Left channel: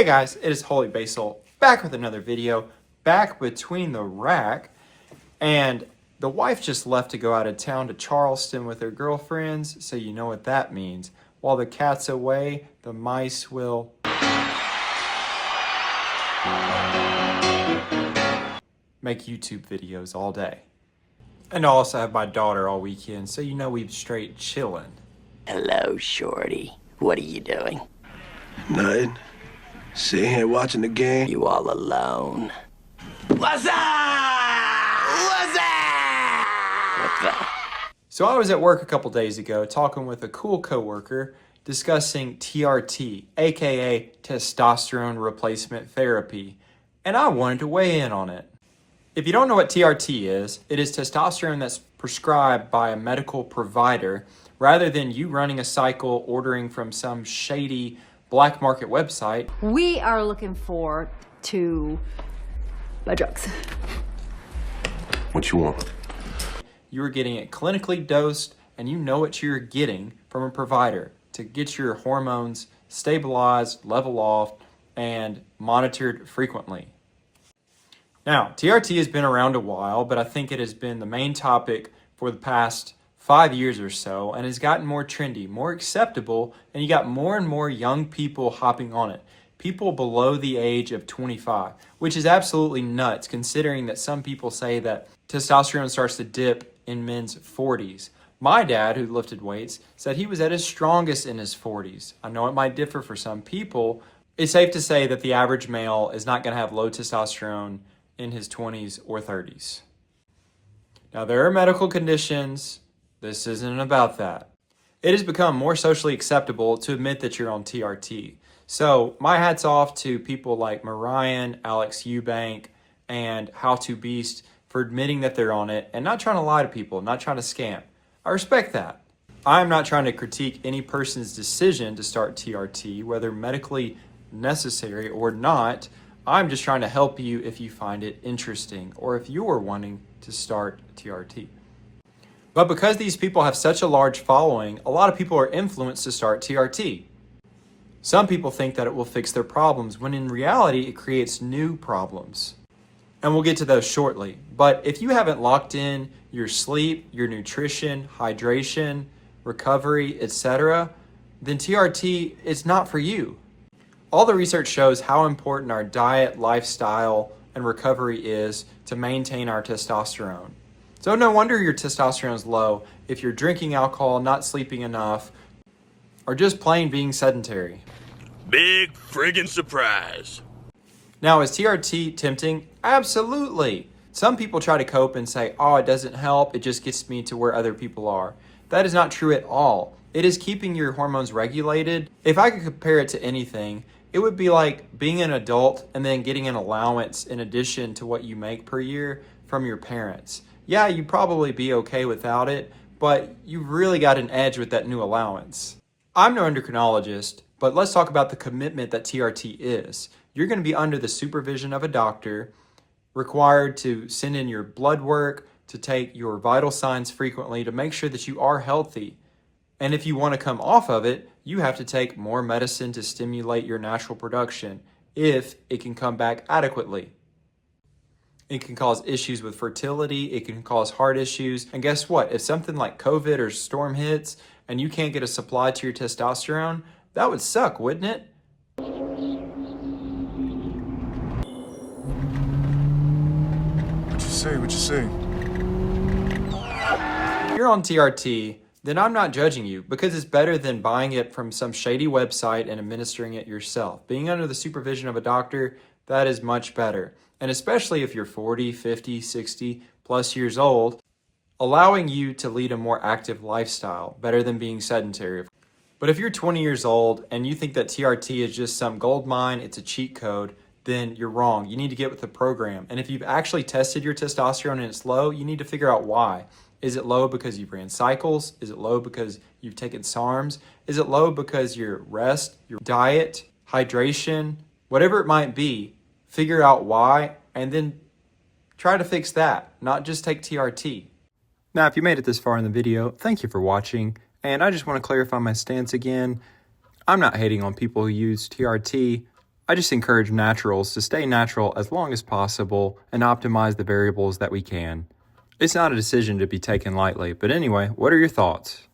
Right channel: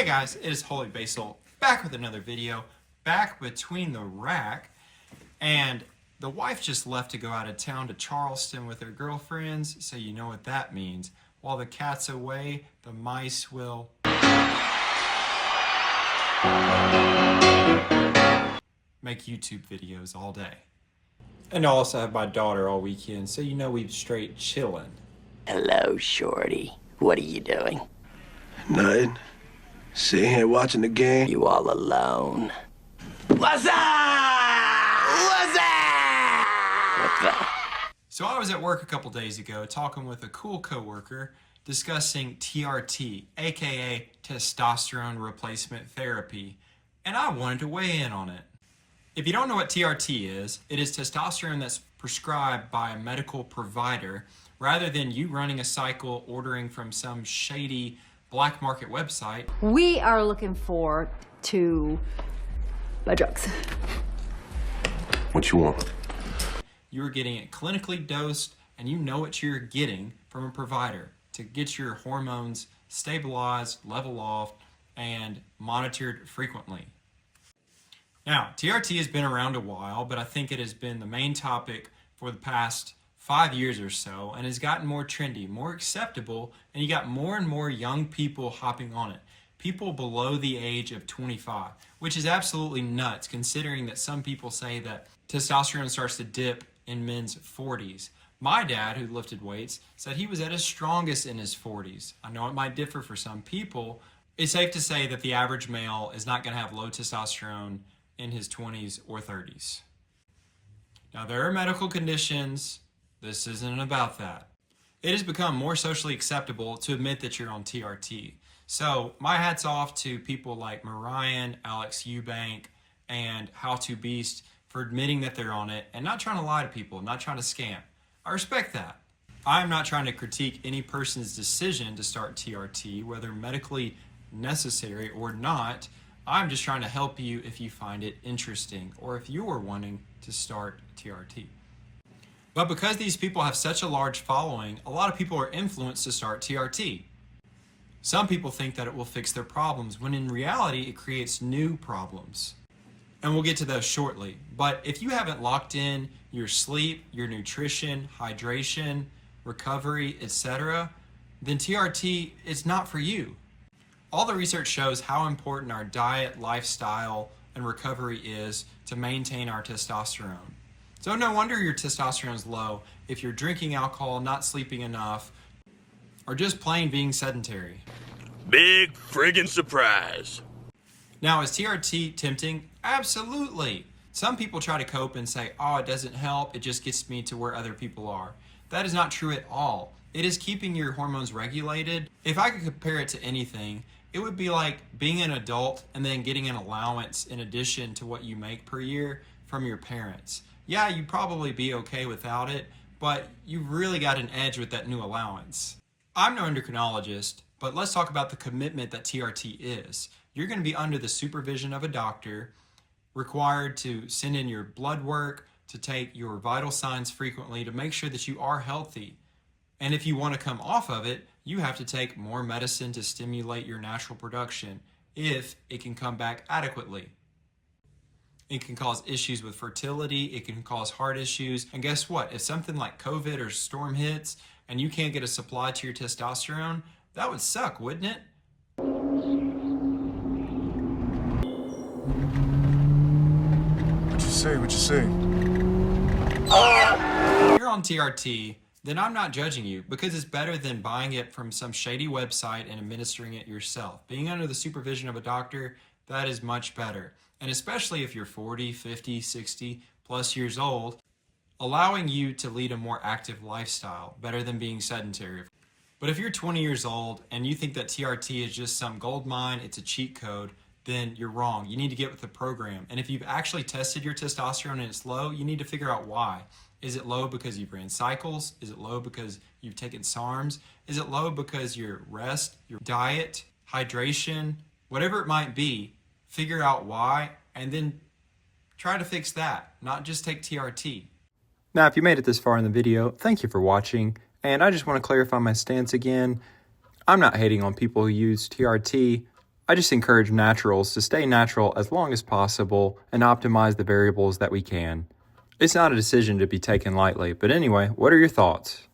Hey guys, it is Holy Basil, back with another video, back between the rack, and the wife just left to go out of town to Charleston with her girlfriends, so you know what that means. While the cat's away, the mice will make YouTube videos all day. And I also have my daughter all weekend, so you know we've straight chillin'. Hello, Shorty. What are you doing? Nothing. Sitting here watching the game. You all alone? What's up? What's up? What the? So I was at work a couple days ago talking with a cool coworker discussing TRT, aka testosterone replacement therapy, and I wanted to weigh in on it. If you don't know what TRT is, it is testosterone that's prescribed by a medical provider rather than you running a cycle ordering from some shady black market website. We are looking for to buy drugs. What you want? You are getting it clinically dosed and you know what you're getting from a provider to get your hormones stabilized, level off, and monitored frequently. Now, TRT has been around a while, but I think it has been the main topic for the past 5 years or so and has gotten more trendy, more acceptable, and you got more and more young people hopping on it. People below the age of 25, which is absolutely nuts considering that some people say that testosterone starts to dip in men's 40s. My dad, who lifted weights, said he was at his strongest in his 40s. I know it might differ for some people. It's safe to say that the average male is not going to have low testosterone in his 20s or 30s. Now, there are medical conditions. This isn't about that. It has become more socially acceptable to admit that you're on TRT. So my hat's off to people like Marion, Alex Eubank, and How to Beast for admitting that they're on it and not trying to lie to people, not trying to scam. I respect that. I'm not trying to critique any person's decision to start TRT, whether medically necessary or not. I'm just trying to help you if you find it interesting or if you're wanting to start TRT. But because these people have such a large following, a lot of people are influenced to start TRT. Some people think that it will fix their problems, when in reality, it creates new problems. And we'll get to those shortly. But if you haven't locked in your sleep, your nutrition, hydration, recovery, etc., then TRT is not for you. All the research shows how important our diet, lifestyle, and recovery is to maintain our testosterone. So no wonder your testosterone is low if you're drinking alcohol, not sleeping enough, or just plain being sedentary. Big friggin' surprise. Now, is TRT tempting? Absolutely. Some people try to cope and say, oh, it doesn't help, it just gets me to where other people are. That is not true at all. It is keeping your hormones regulated. If I could compare it to anything, it would be like being an adult and then getting an allowance in addition to what you make per year from your parents. Yeah, you'd probably be okay without it, but you really got an edge with that new allowance. I'm no endocrinologist, but let's talk about the commitment that TRT is. You're going to be under the supervision of a doctor, required to send in your blood work, to take your vital signs frequently to make sure that you are healthy. And if you want to come off of it, you have to take more medicine to stimulate your natural production, if it can come back adequately. It can cause issues with fertility, it can cause heart issues, and guess what? If something like COVID or storm hits and you can't get a supply to your testosterone, that would suck, wouldn't it? What you say? If you're on TRT, then I'm not judging you because it's better than buying it from some shady website and administering it yourself. Being under the supervision of a doctor, that is much better. And especially if you're 40, 50, 60 plus years old, allowing you to lead a more active lifestyle, better than being sedentary. But if you're 20 years old and you think that TRT is just some gold mine, it's a cheat code, then you're wrong. You need to get with the program. And if you've actually tested your testosterone and it's low, you need to figure out why. Is it low because you ran cycles? Is it low because you've taken SARMs? Is it low because your rest, your diet, hydration, whatever it might be, figure out why and then try to fix that, not just take TRT. Now, if you made it this far in the video, thank you for watching. And I just want to clarify my stance again. I'm not hating on people who use TRT. I just encourage naturals to stay natural as long as possible and optimize the variables that we can. It's not a decision to be taken lightly, but anyway, what are your thoughts?